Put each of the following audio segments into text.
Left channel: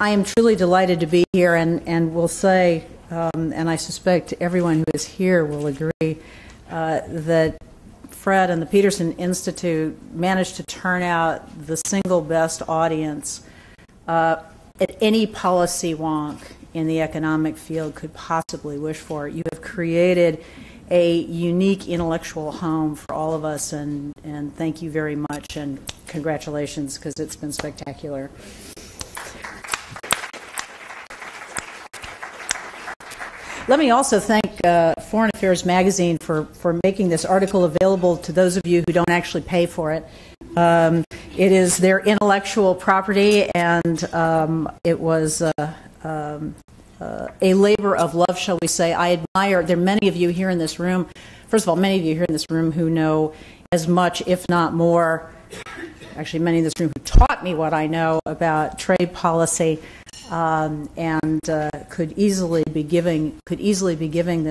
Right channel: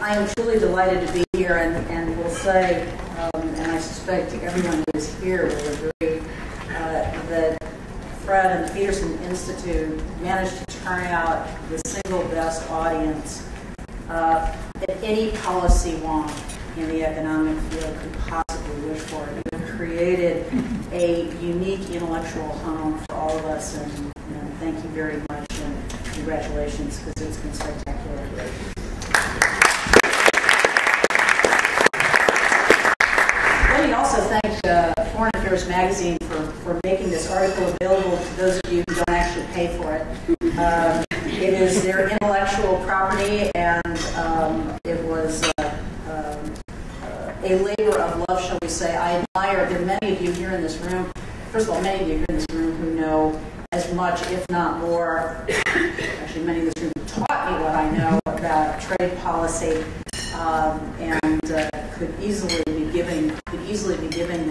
I am truly delighted to be here, and will say, and I suspect everyone who is here will agree, that Fred and the Peterson Institute managed to turn out the single best audience at any policy wonk in the economic field could possibly wish for. You have created a unique intellectual home for all of us, and thank you very much, and congratulations, because it's been spectacular. Let me also thank Foreign Affairs Magazine for making this article available to those of you who don't actually pay for it. It is their intellectual property, and it was a labor of love, shall we say. I admire, there are many of you here in this room, first of all, many of you here in this room who know as much, if not more, actually many in this room who taught me what I know about trade policy, and could easily be giving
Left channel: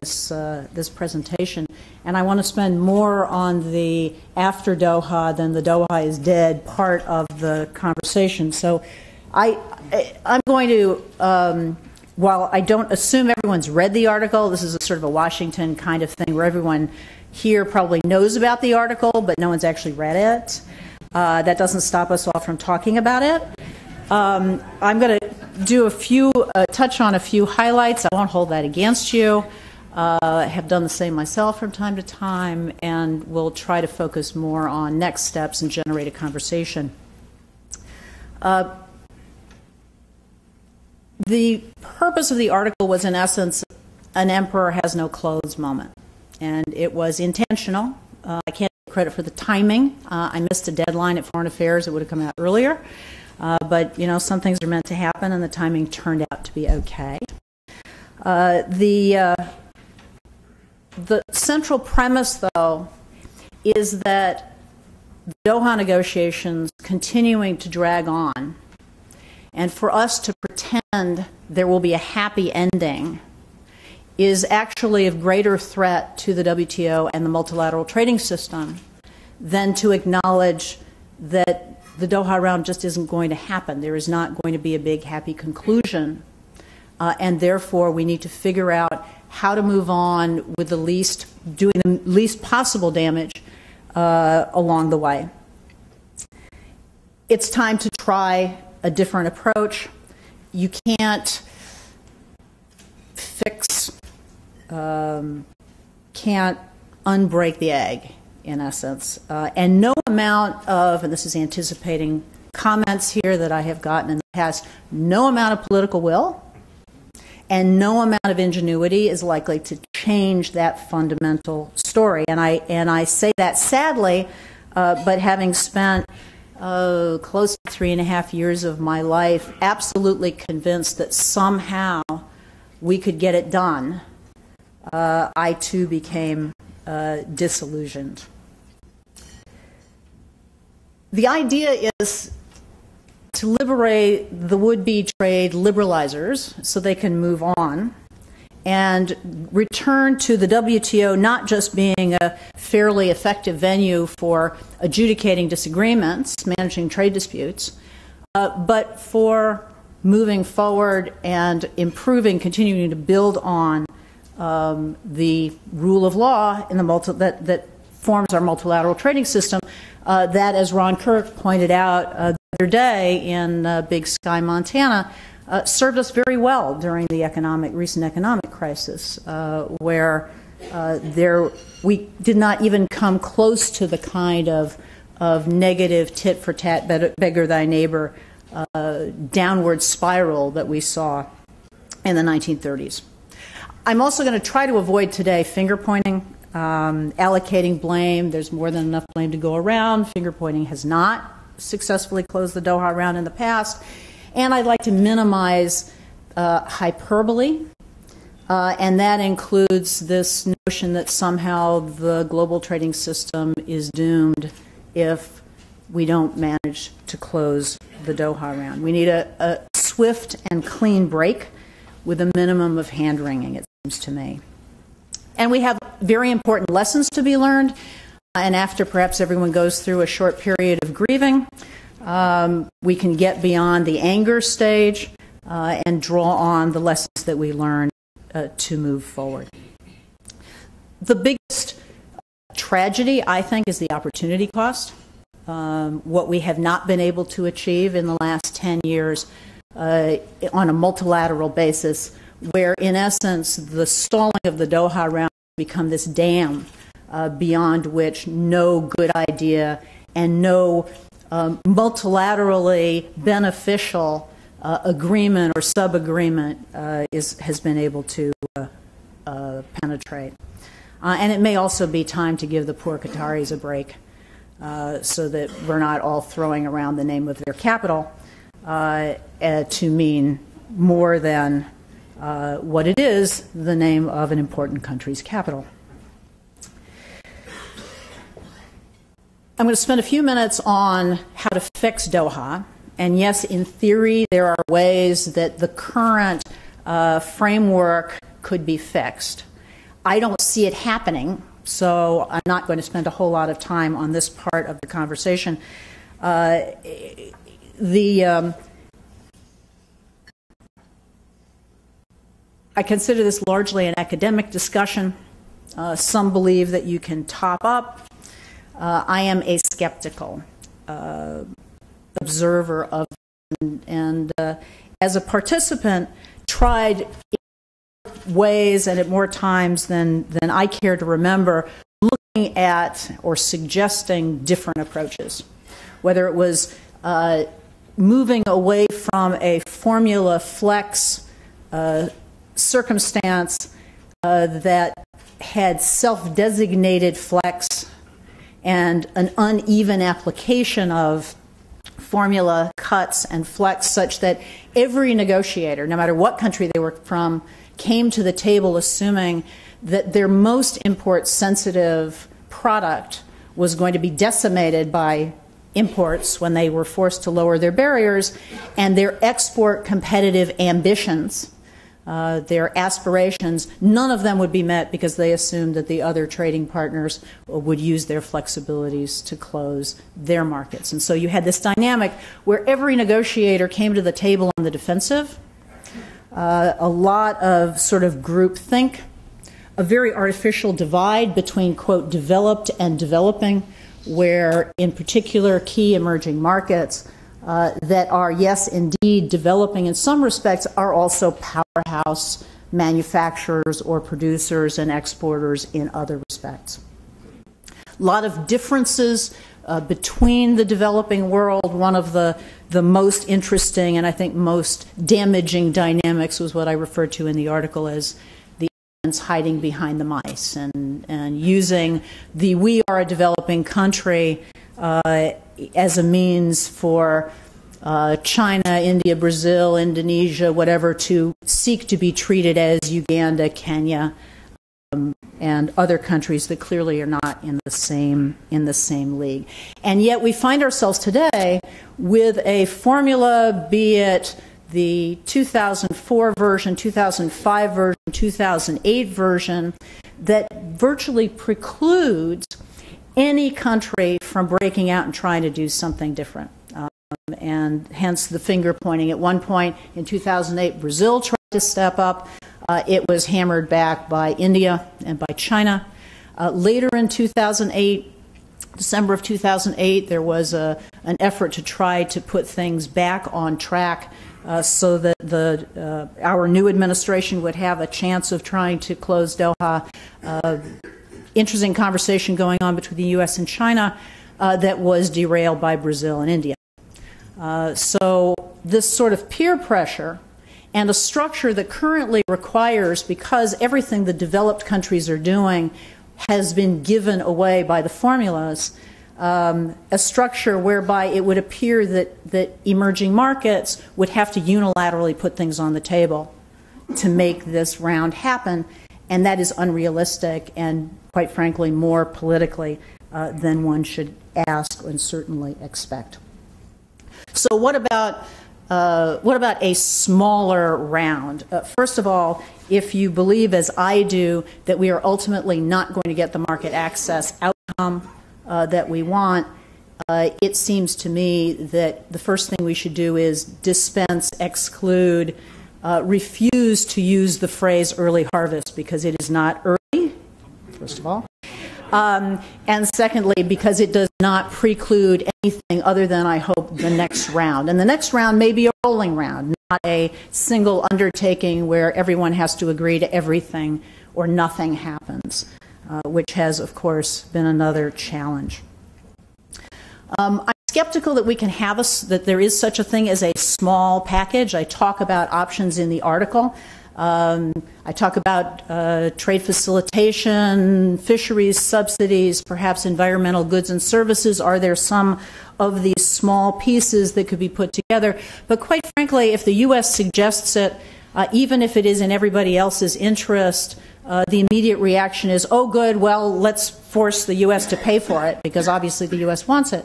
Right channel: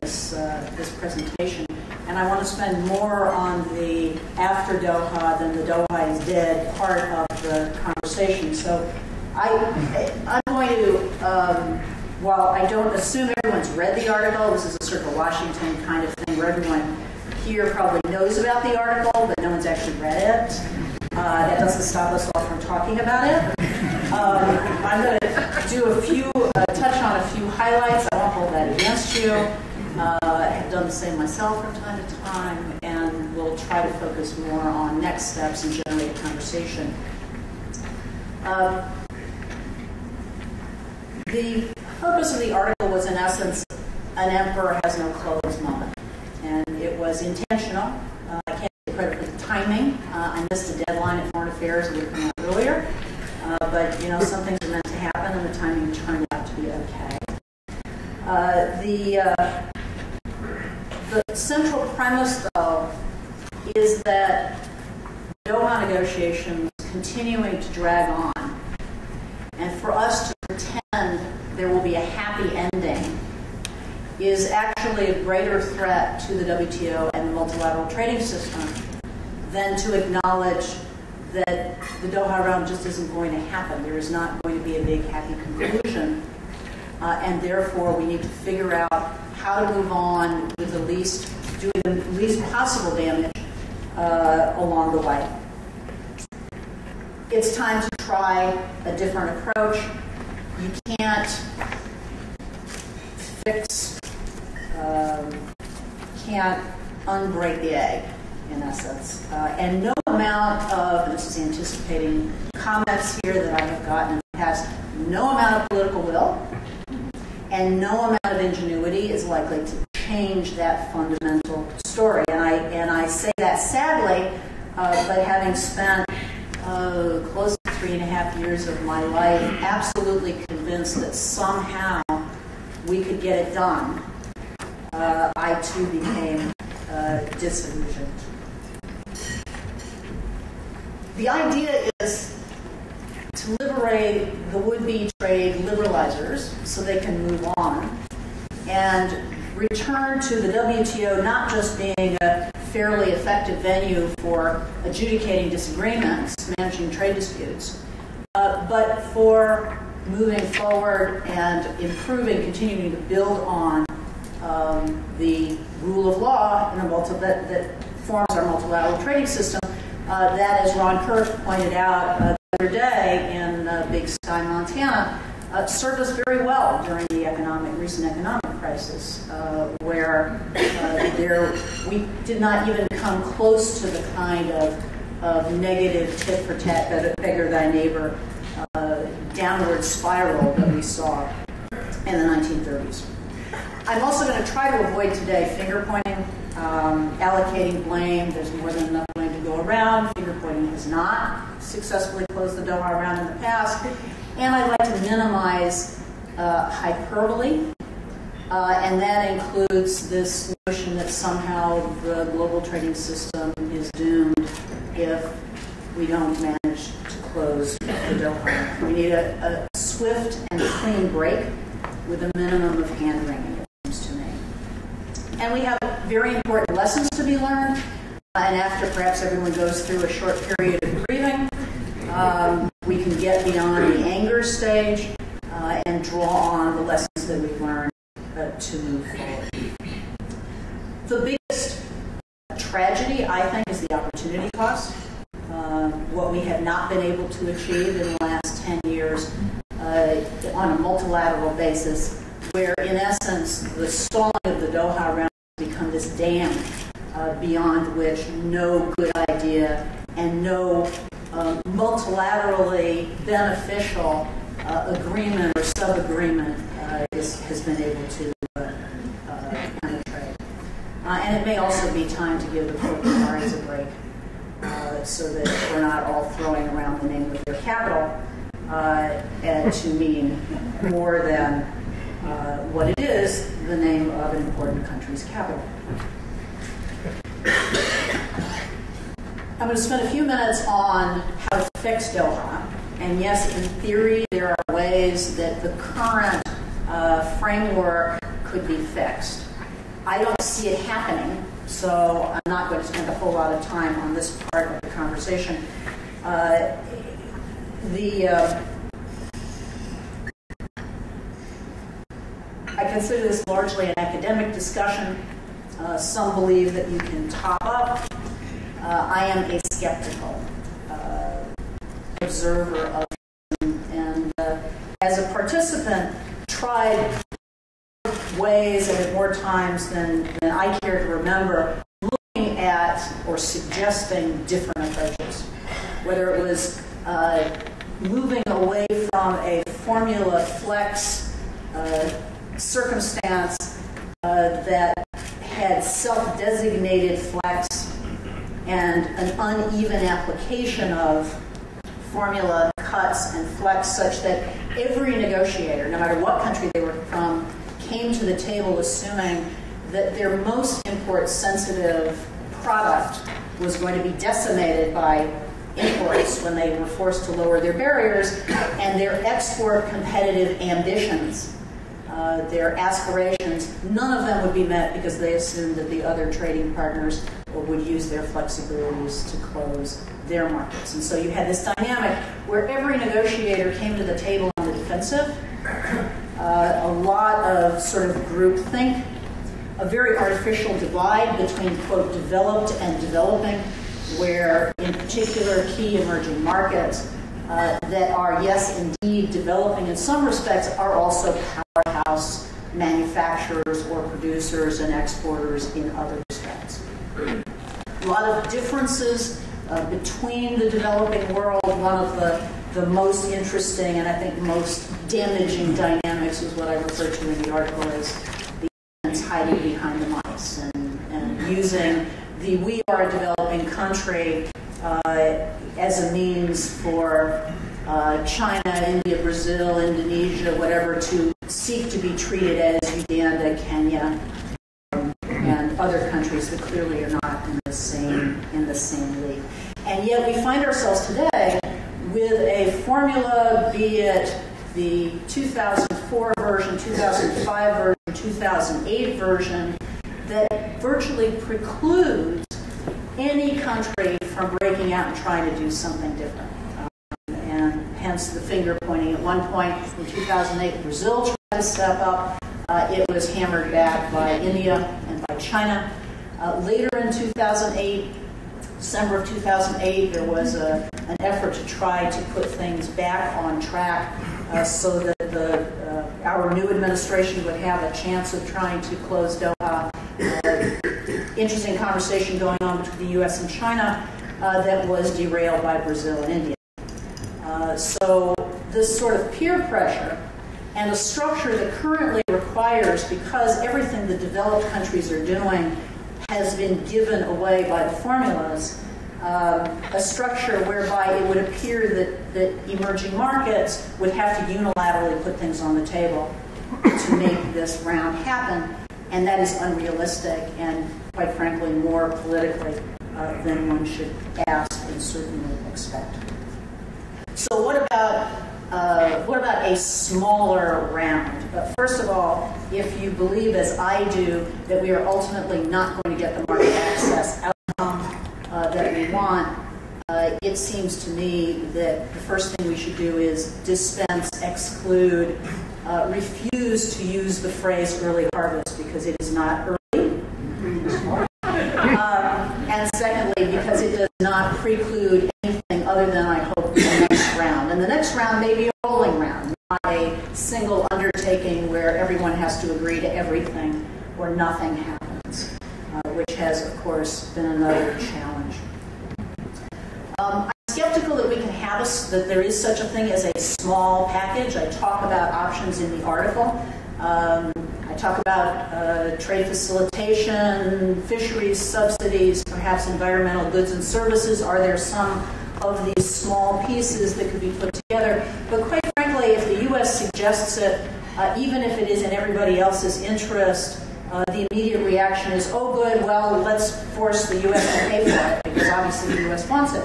this presentation. And I want to spend more on the after Doha than the Doha is dead part of the conversation. So I'm going to, while I don't assume everyone's read the article, this is a sort of a Washington kind of thing where everyone here probably knows about the article, but no one's actually read it. That doesn't stop us all from talking about it. I'm going to do touch on a few highlights. I won't hold that against you. I have done the same myself from time to time, and we'll try to focus more on next steps and generate a conversation. The purpose of the article was, in essence, an emperor has no clothes moment, and it was intentional. I can't take credit for the timing. I missed a deadline at Foreign Affairs that would have come out earlier. But, you know, some things are meant to happen, and the timing turned out to be okay. The central premise, though, is that Doha negotiations continuing to drag on, and for us to pretend there will be a happy ending is actually a greater threat to the WTO and the multilateral trading system than to acknowledge that the Doha Round just isn't going to happen. There is not going to be a big happy conclusion, and therefore we need to figure out how to move on with doing the least possible damage along the way. It's time to try a different approach. You can't can't unbreak the egg, in essence. And no amount of, and this is anticipating comments here that I have gotten in the past, no amount of political will and no amount of ingenuity is likely to change that fundamental story. And I say that sadly, but having spent close to 3.5 years of my life absolutely convinced that somehow we could get it done, I too became disillusioned. The idea is to liberate the would-be trade liberalisers so they can move on and return to the WTO not just being a fairly effective venue for adjudicating disagreements, managing trade disputes, but for moving forward and improving, continuing to build on the rule of law in that forms our multilateral trading system. That, as Ron Kirk pointed out the other day in Big Sky, Montana, served us very well during the recent economic crisis, where we did not even come close to the kind of negative tit-for-tat, beggar thy neighbor, downward spiral that we saw in the 1930s. I'm also going to try to avoid today finger-pointing, allocating blame. There's more than enough blame to go around. Finger-pointing has not successfully closed the Doha Round in the past. And I'd like to minimize hyperbole, and that includes this notion that somehow the global trading system is doomed if we don't manage to close the Doha Round. We need a swift and clean break with a minimum of hand-wringing, it seems to me. And we have very important lessons to be learned, and after perhaps everyone goes through a short period of grieving, we can get beyond the anger stage and draw on the lessons that we learned to move forward. The biggest tragedy, I think, is the opportunity cost. What we have not been able to achieve in the last 10 years on a multilateral basis, where in essence the stalling of the Doha Round has become this dam beyond which no good idea and no multilaterally beneficial agreement or sub-agreement has been able to penetrate. And it may also be time to give the poor Qataris a break so that we're not all throwing around the name of their capital to mean more than what it is, the name of an important country's capital. I'm going to spend a few minutes on how to fix Doha. And yes, in theory, there are ways that the current framework could be fixed. I don't see it happening, so I'm not going to spend a whole lot of time on this part of the conversation. I consider this largely an academic discussion. Some believe that you can top up. I am a skeptical observer of it, and as a participant, tried ways and at more times than I care to remember, looking at or suggesting different approaches. Whether it was moving away from a formula flex circumstance that had self-designated flex and an uneven application of formula cuts and flex such that every negotiator, no matter what country they were from, came to the table assuming that their most import-sensitive product was going to be decimated by imports when they were forced to lower their barriers, and their export competitive ambitions, their aspirations, none of them would be met because they assumed that the other trading partners would use their flexibilities to close their markets. And so you had this dynamic where every negotiator came to the table on the defensive, a lot of sort of groupthink, a very artificial divide between, quote, developed and developing, where in particular key emerging markets that are, yes, indeed developing in some respects, are also powerhouse manufacturers or producers and exporters in other respects. A lot of differences between the developing world. One of the most interesting and I think most damaging dynamics was what I referred to in the article as the elephants hiding behind the mice, and using the we are a developing country as a means for China, India, Brazil, Indonesia, whatever, to seek to be treated as Uganda, Kenya, and other countries that clearly are not in the same league. And yet we find ourselves today with a formula, be it the 2004 version, 2005 version, 2008 version, that virtually precludes any country from breaking out and trying to do something different. And hence the finger pointing. At one point in 2008, Brazil tried to step up. It was hammered back by India and by China. Later in 2008, December of 2008, there was an effort to try to put things back on track so that our new administration would have a chance of trying to close Doha. Interesting conversation going on between the U.S. and China that was derailed by Brazil and India. So this sort of peer pressure and a structure that currently requires, because everything the developed countries are doing has been given away by the formulas, a structure whereby it would appear that emerging markets would have to unilaterally put things on the table to make this round happen, and that is unrealistic and, quite frankly, more politically than one should ask and certainly expect. So what about a smaller round? First of all, if you believe, as I do, that we are ultimately not going to get the market access outcome that we want, it seems to me that the first thing we should do is dispense, exclude, refuse to use the phrase early harvest because it is not early, first of all. And secondly, because it does not preclude anything other than, I hope, the next round. And the next round may be a rolling round, not a single undertaking where everyone has to agree to everything or nothing happens, which has, of course, been another challenge. I'm skeptical that we can have that there is such a thing as a small package. I talk about options in the article. I talk about trade facilitation, fisheries subsidies, perhaps environmental goods and services. Are there some of these small pieces that could be put together? But quite frankly, if the U.S. suggests it, even if it is in everybody else's interest, the immediate reaction is, oh good, well, let's force the U.S. to pay for it, because obviously the U.S. wants it.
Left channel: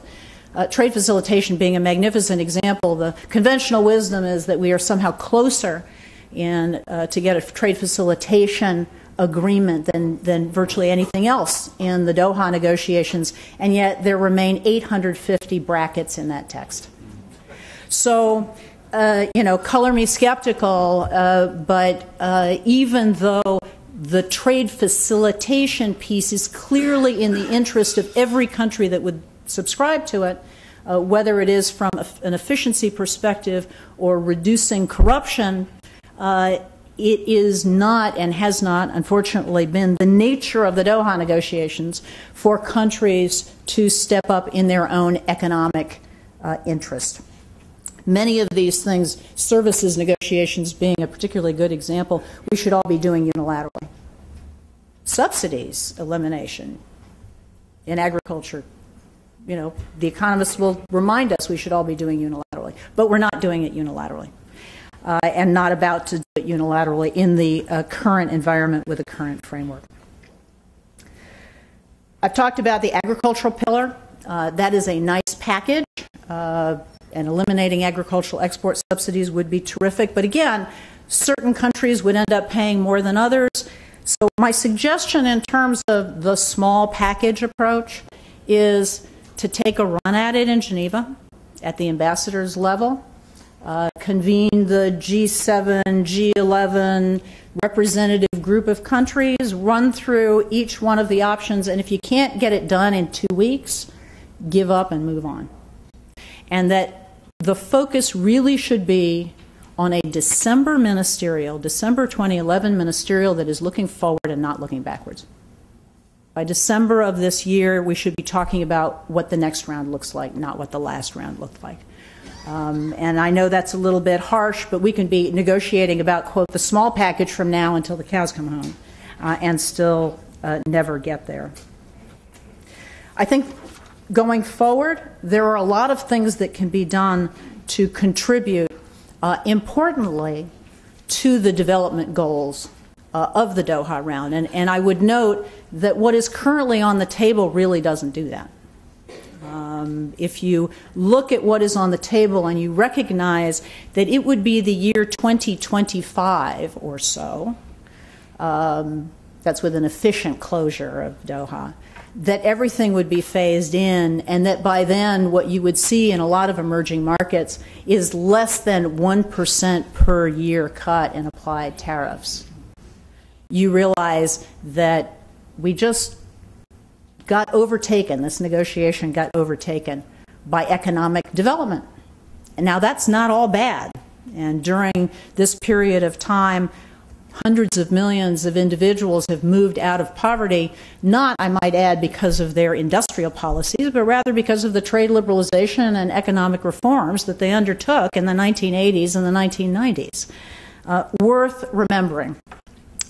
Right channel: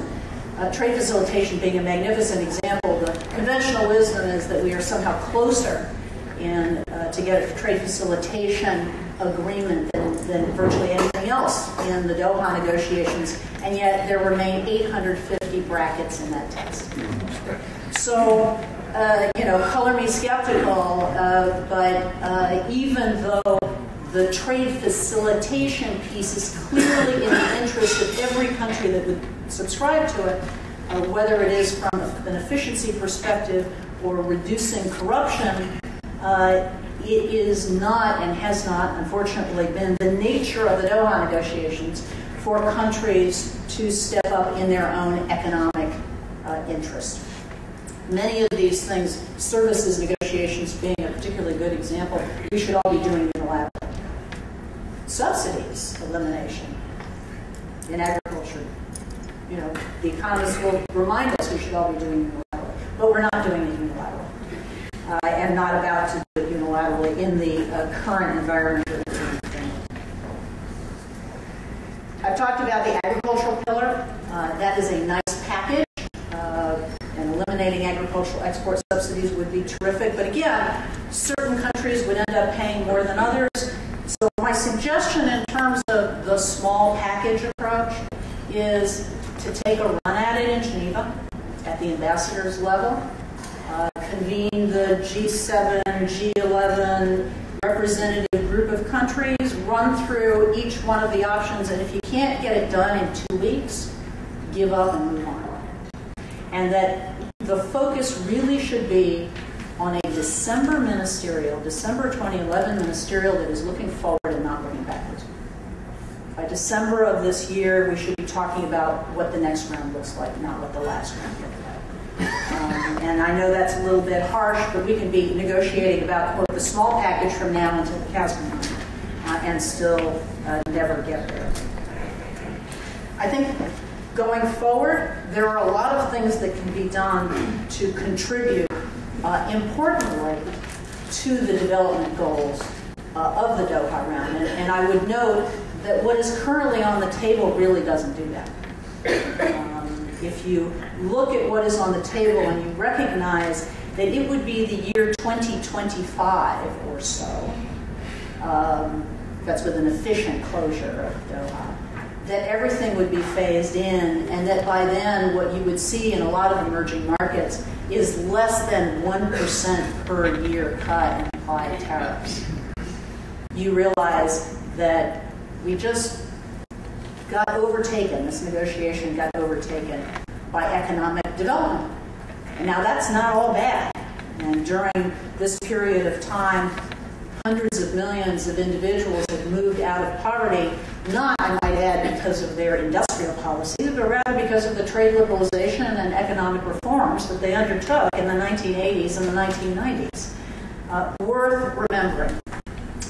Trade facilitation being a magnificent example, the conventional wisdom is that we are somehow closer to get a trade facilitation agreement than virtually anything else in the Doha negotiations, and yet there remain 850 brackets in that text. So, color me skeptical, but even though the trade facilitation piece is clearly in the interest of every country that would subscribe to it, whether it is from an efficiency perspective or reducing corruption, it is not and has not, unfortunately, been the nature of the Doha negotiations for countries to step up in their own economic interest. Many of these things, services negotiations being a particularly good example, we should all be doing unilaterally. Subsidies elimination in agriculture, the economists will remind us we should all be doing unilaterally, but we're not doing it unilaterally. And not about to do it unilaterally in the current environment with the current framework. I've talked about the agricultural pillar. That is a nice package, and eliminating agricultural export subsidies would be terrific. But again, certain countries would end up paying more than others. So my suggestion in terms of the small package approach is to take a run at it in Geneva at the ambassadors level. Convene the G7, G11 representative group of countries, run through each one of the options, and if you can't get it done in 2 weeks, give up and move on. And that the focus really should be on a December 2011 ministerial that is looking forward and not looking backwards. By December of this year, we should be talking about what the next round looks like, not what the last round looked like. And I know that's a little bit harsh, but we can be negotiating about, quote, the small package from now until the cows come home, and still never get there. I think going forward, there are a lot of things that can be done to contribute, importantly, to the development goals of the Doha Round. And I would note that what is currently on the table really doesn't do that. If you look at what is on the table and you recognize that it would be the year 2025 or so, that's with an efficient closure of Doha, that everything would be phased in, and that by then what you would see in a lot of emerging markets is less than 1% per year cut in applied tariffs. You realize that we just got overtaken, this negotiation got overtaken by economic development. And now that's not all bad. And during this period of time, hundreds of millions of individuals have moved out of poverty, not, I might add, because of their industrial policies, but rather because of the trade liberalization and economic reforms that they undertook in the 1980s and the 1990s. Worth remembering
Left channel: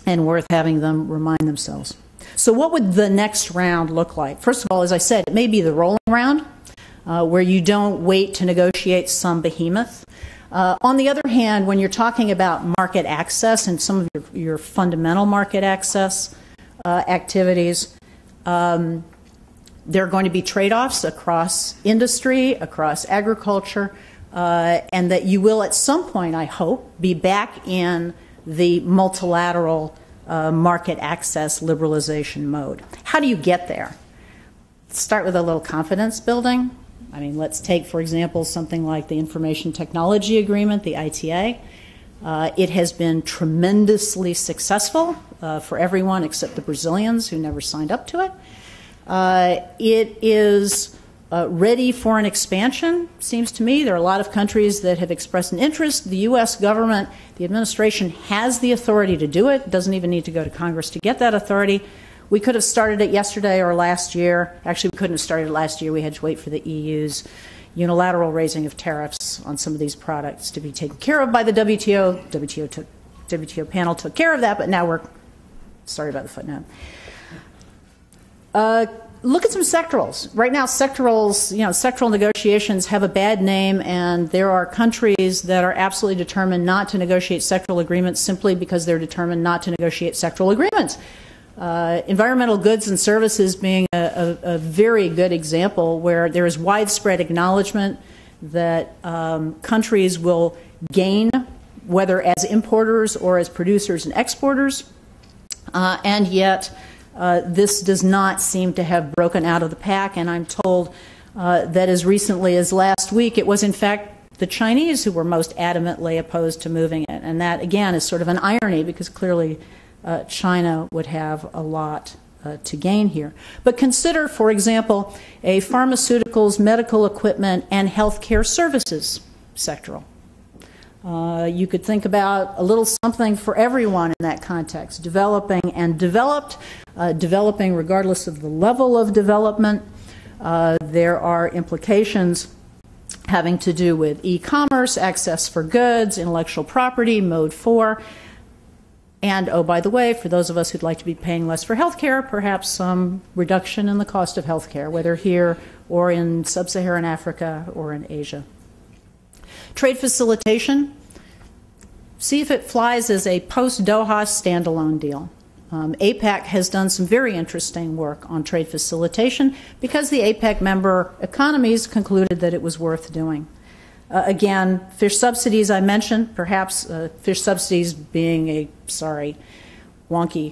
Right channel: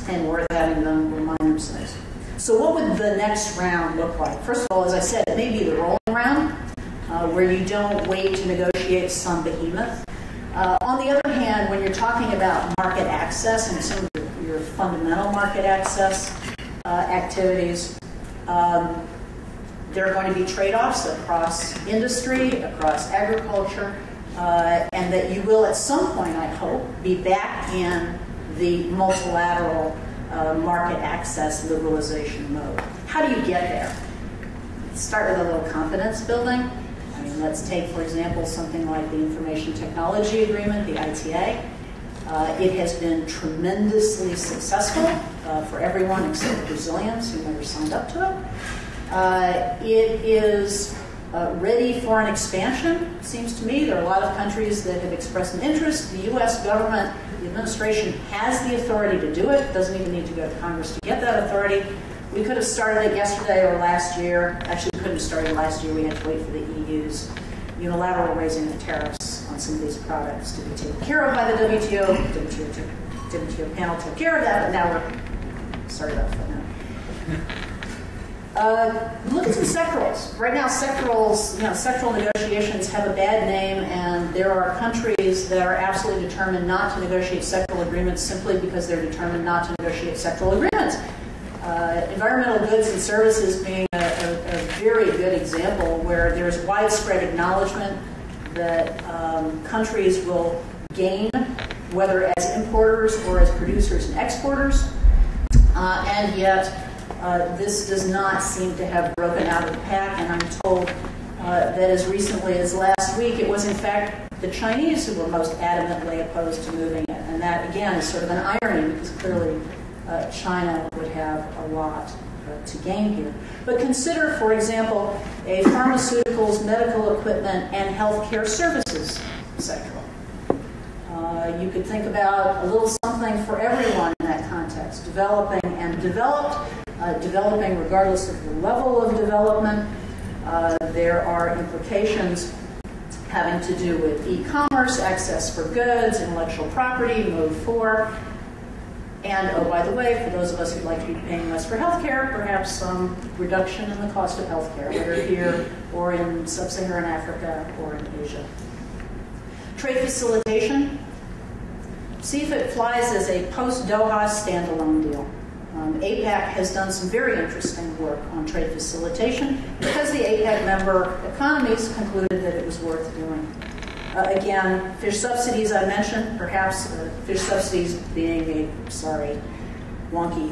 and worth having them remind themselves. So what would the next round look like? First of all, as I said, it may be the rolling round, where you don't wait to negotiate some behemoth. On the other hand, when you're talking about market access and some of your fundamental market access activities, there are going to be trade-offs across industry, across agriculture, and that you will at some point, I hope, be back in the multilateral market access liberalization mode. How do you get there? Start with a little confidence building. I mean, let's take, for example, something like the Information Technology Agreement, the ITA. It has been tremendously successful for everyone except the Brazilians who never signed up to it. It is ready for an expansion, seems to me. There are a lot of countries that have expressed an interest. The U.S. government, the administration, has the authority to do it. Doesn't even need to go to Congress to get that authority. We could have started it yesterday or last year. Actually, we couldn't have started last year. We had to wait for the EU's unilateral raising of tariffs on some of these products to be taken care of by the WTO. WTO panel took care of that, but now we're started up for that. Look at some sectorals. Right now, sectoral negotiations have a bad name, and there are countries that are absolutely determined not to negotiate sectoral agreements simply because they're determined not to negotiate sectoral agreements. Environmental goods and services being a very good example where there is widespread acknowledgement that countries will gain, whether as importers or as producers and exporters, and yet this does not seem to have broken out of the pack, and I'm told that as recently as last week it was in fact the Chinese who were most adamantly opposed to moving it, and that again is sort of an irony because clearly China would have a lot to gain here. But consider, for example, a pharmaceuticals, medical equipment, and healthcare services sectoral. You could think about a little something for everyone in that context, developing and developed, developing regardless of the level of development. There are implications having to do with e-commerce, access for goods, intellectual property, Mode 4. And, oh, by the way, for those of us who'd like to be paying less for health care, perhaps some reduction in the cost of health care, whether here or in sub-Saharan Africa or in Asia. Trade facilitation. See if it flies as a post-Doha standalone deal. APEC has done some very interesting work on trade facilitation because the APEC member economies concluded that it was worth doing. Again, fish subsidies I mentioned, perhaps fish subsidies being a, wonky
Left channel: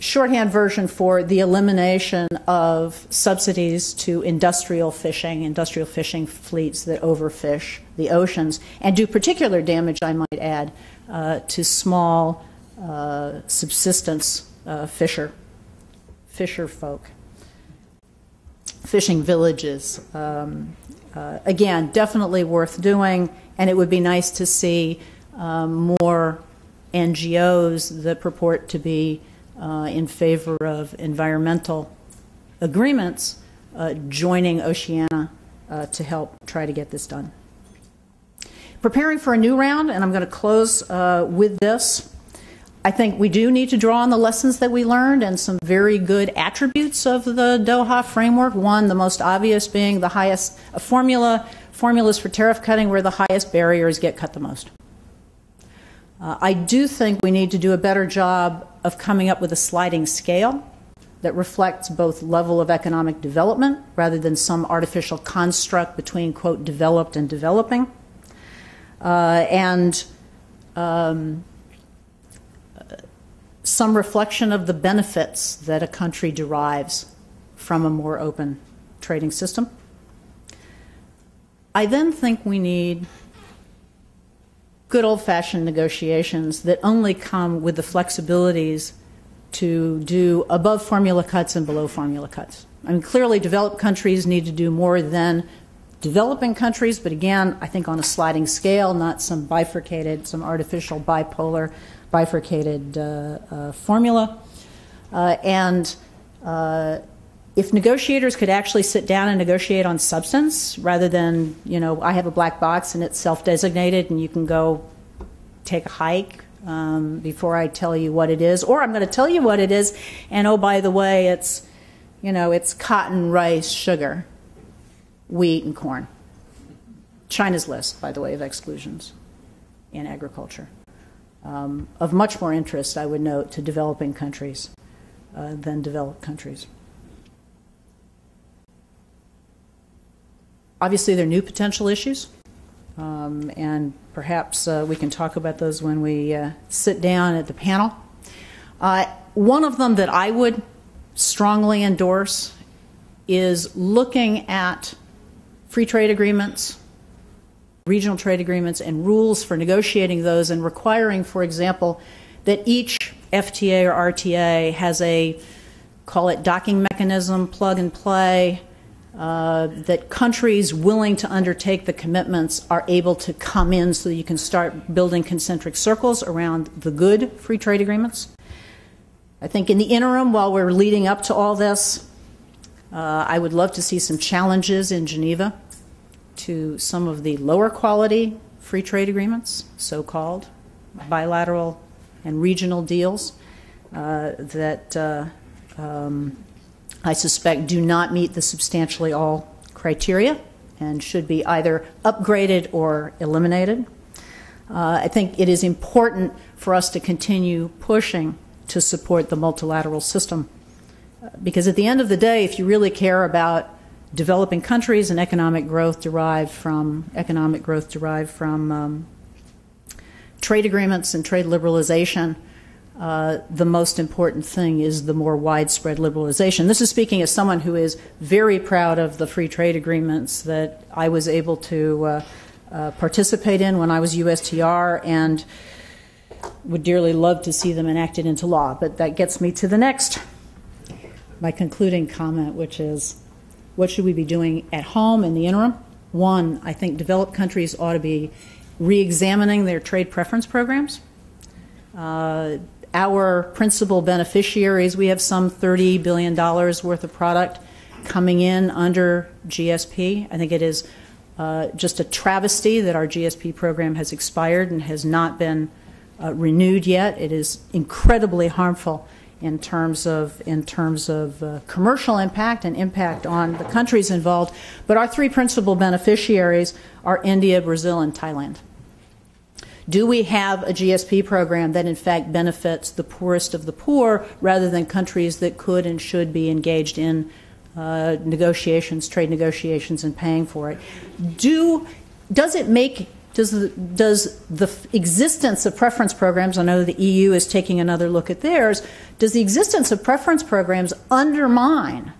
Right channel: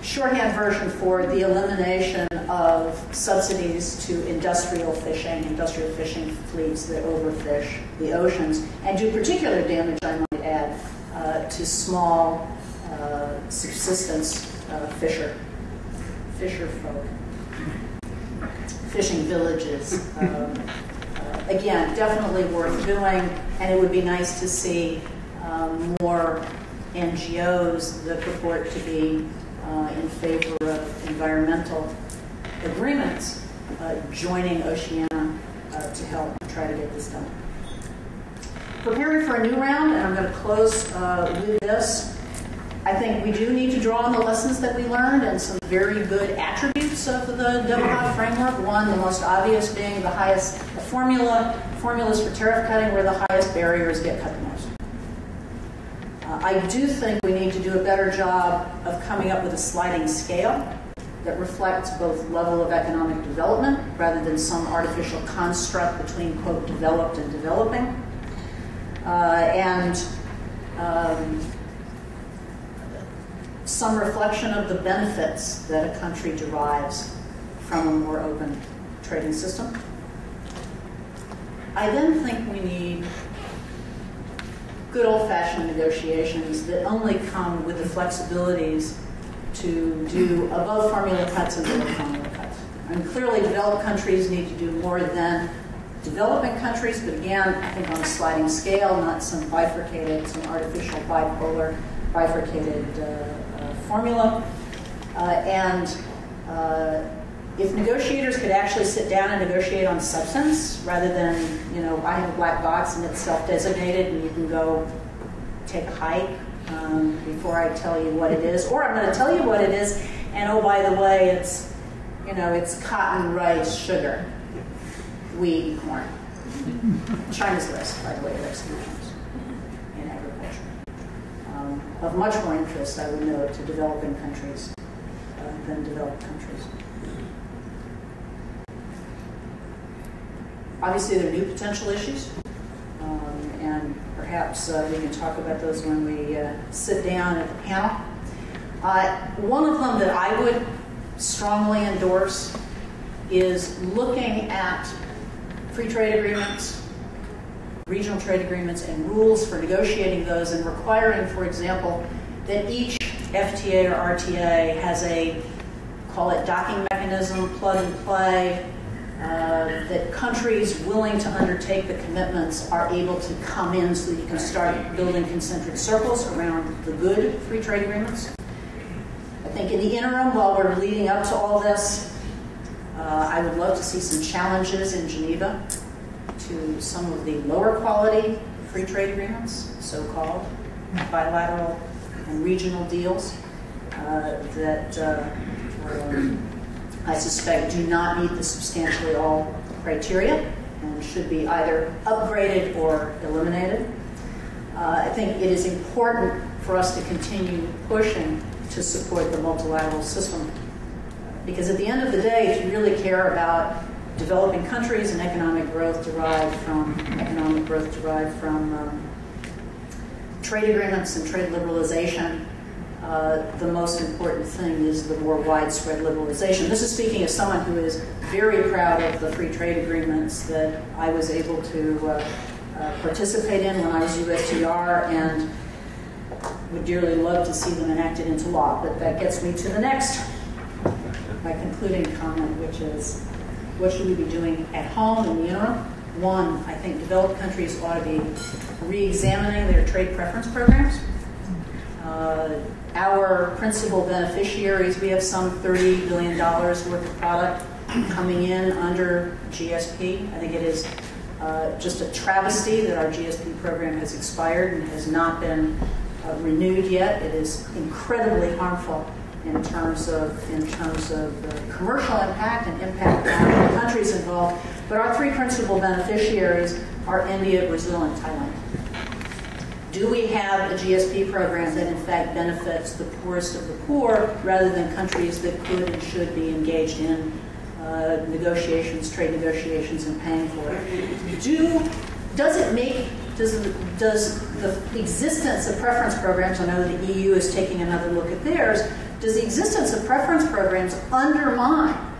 shorthand version for the elimination of subsidies to industrial fishing fleets that overfish the oceans and do particular damage, I might add, to small subsistence fisher folk, fishing villages. Again, definitely worth doing, and it would be nice to see more NGOs that purport to be in favor of environmental agreements joining Oceana to help try to get this done. Preparing for a new round, and I'm going to close with this. I think we do need to draw on the lessons that we learned and some very good attributes of the Doha framework. One, the most obvious being the highest formulas for tariff cutting where the highest barriers get cut the most. I do think we need to do a better job of coming up with a sliding scale that reflects both level of economic development rather than some artificial construct between, quote, developed and developing. Some reflection of the benefits that a country derives from a more open trading system. I then think we need good old-fashioned negotiations that only come with the flexibilities to do above formula cuts and below formula cuts. And clearly developed countries need to do more than developing countries, but again, I think on a sliding scale, not some bifurcated, some artificial bipolar bifurcated formula. If negotiators could actually sit down and negotiate on substance rather than, I have a black box and it's self-designated and you can go take a hike before I tell you what it is, or I'm going to tell you what it is, and oh, by the way, it's, it's cotton, rice, sugar, wheat, and corn. China's list, by the way, of exclusions in agriculture. Of much more interest, I would note, to developing countries than developed countries. Obviously, there are new potential issues, and perhaps we can talk about those when we sit down at the panel. One of them that I would strongly endorse is looking at free trade agreements, regional trade agreements, and rules for negotiating those, and requiring, for example, that each FTA or RTA has a, call it docking mechanism, plug and play, that countries willing to undertake the commitments are able to come in so that you can start building concentric circles around the good free trade agreements. I think in the interim, while we're leading up to all this, I would love to see some challenges in Geneva to some of the lower quality free trade agreements, so-called bilateral and regional deals that I suspect do not meet the substantially all criteria and should be either upgraded or eliminated. I think it is important for us to continue pushing to support the multilateral system, because at the end of the day, if you really care about developing countries and economic growth derived from trade agreements and trade liberalization, the most important thing is the more widespread liberalization. This is speaking as someone who is very proud of the free trade agreements that I was able to participate in when I was USTR, and would dearly love to see them enacted into law. But that gets me to my concluding comment, which is, what should we be doing at home in the interim? One, I think developed countries ought to be re-examining their trade preference programs. Our principal beneficiaries, we have some $30 billion worth of product coming in under GSP. I think it is just a travesty that our GSP program has expired and has not been renewed yet. It is incredibly harmful in terms of commercial impact and impact on the countries involved. But our three principal beneficiaries are India, Brazil, and Thailand. Do we have a GSP program that in fact benefits the poorest of the poor rather than countries that could and should be engaged in negotiations, trade negotiations, and paying for it? Does the existence of preference programs, I know the EU is taking another look at theirs, does the existence of preference programs undermine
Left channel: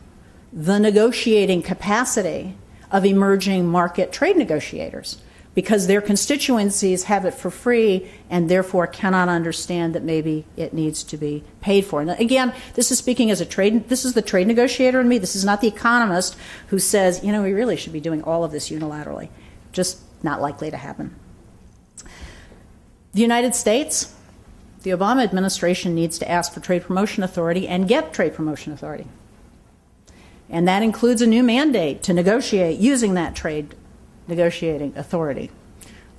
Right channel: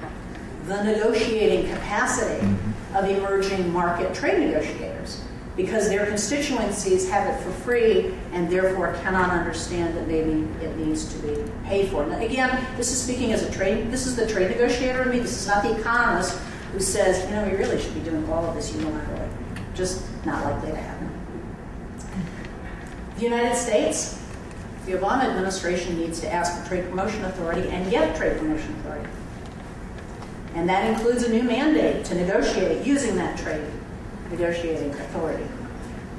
the negotiating capacity of emerging market trade negotiators? Because their constituencies have it for free and therefore cannot understand that maybe it needs to be paid for. Now, again, this is speaking as this is the trade negotiator in me. This is not the economist who says, we really should be doing all of this unilaterally. Just not likely to happen. The United States, the Obama administration needs to ask for trade promotion authority and get trade promotion authority. And that includes a new mandate to negotiate using that trade negotiating authority.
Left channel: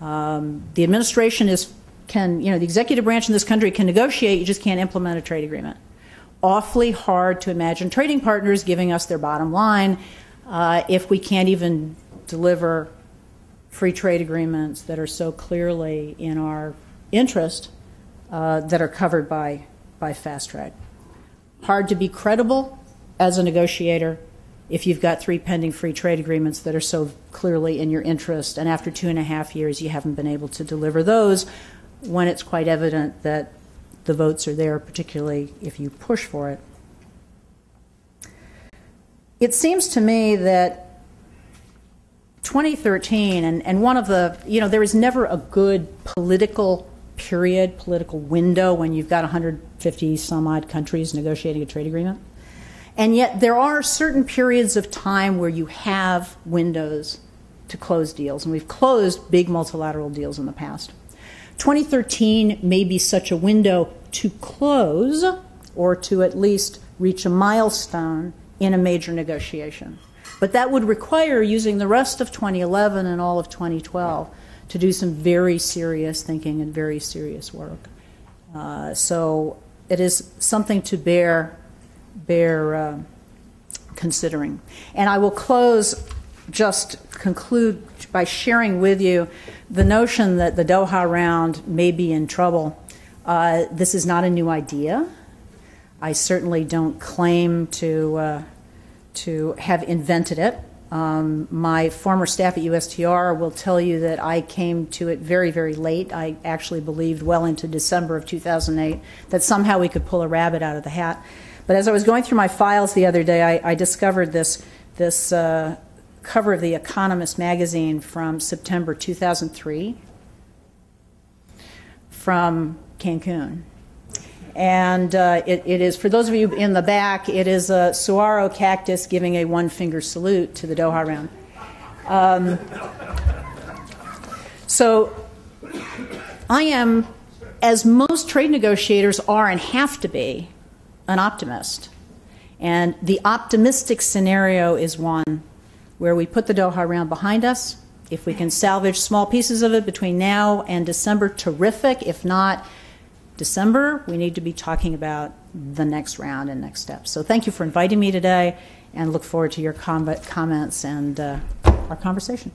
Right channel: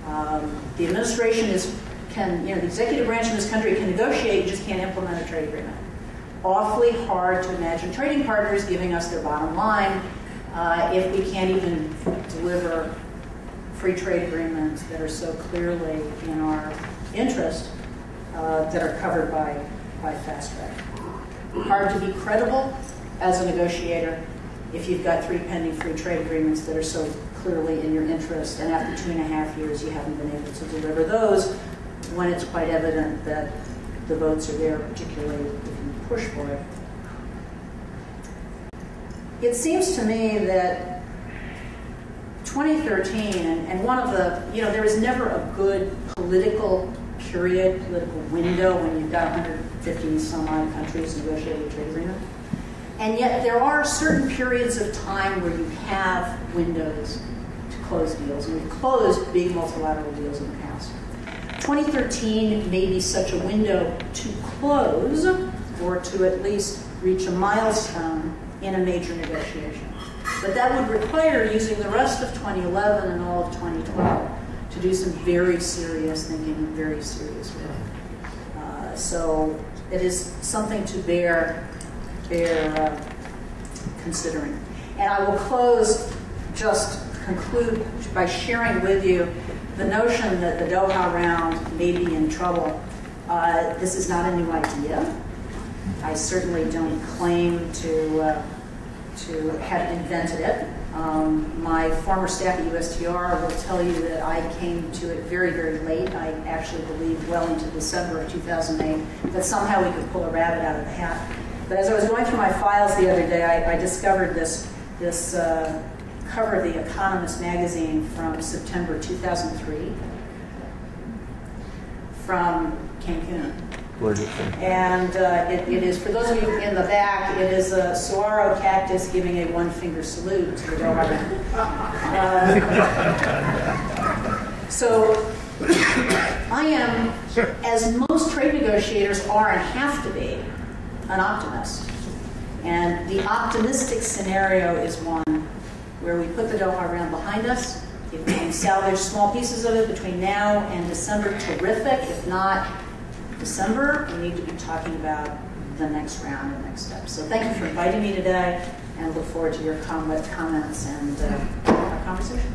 The administration the executive branch in this country can negotiate, you just can't implement a trade agreement. Awfully hard to imagine trading partners giving us their bottom line if we can't even deliver free trade agreements that are so clearly in our interest that are covered by fast track. Hard to be credible as a negotiator if you've got 3 pending free trade agreements that are so clearly in your interest, and after 2.5 years you haven't been able to deliver those when it's quite evident that the votes are there, particularly if you push for it. It seems to me that 2013, and one of the, there is never a good political window when you've got 150 some odd countries negotiating a trade agreement. And yet there are certain periods of time where you have windows to close deals, and we've closed big multilateral deals in the past. 2013 may be such a window to close or to at least reach a milestone in a major negotiation. But that would require using the rest of 2011 and all of 2012 to do some very serious thinking and very serious work. So it is something to bear considering. And I will conclude by sharing with you the notion that the Doha Round may be in trouble. This is not a new idea. I certainly don't claim to have invented it. My former staff at USTR will tell you that I came to it very, very late. I actually believed well into December of 2008 that somehow we could pull a rabbit out of the hat. But as I was going through my files the other day, I discovered this cover of The Economist magazine from September 2003 from Cancun. And it is, for those of you in the back, it is a saguaro cactus giving a one-finger salute to the Doha Round. So I am, as most trade negotiators are and have to be, an optimist. And the optimistic scenario is one where we put the Doha Round behind us. If we can salvage small pieces of it between now and December, terrific. If not December, we need to be talking about the next round and next steps. So thank you for inviting me today, and look forward to your comments and our conversation.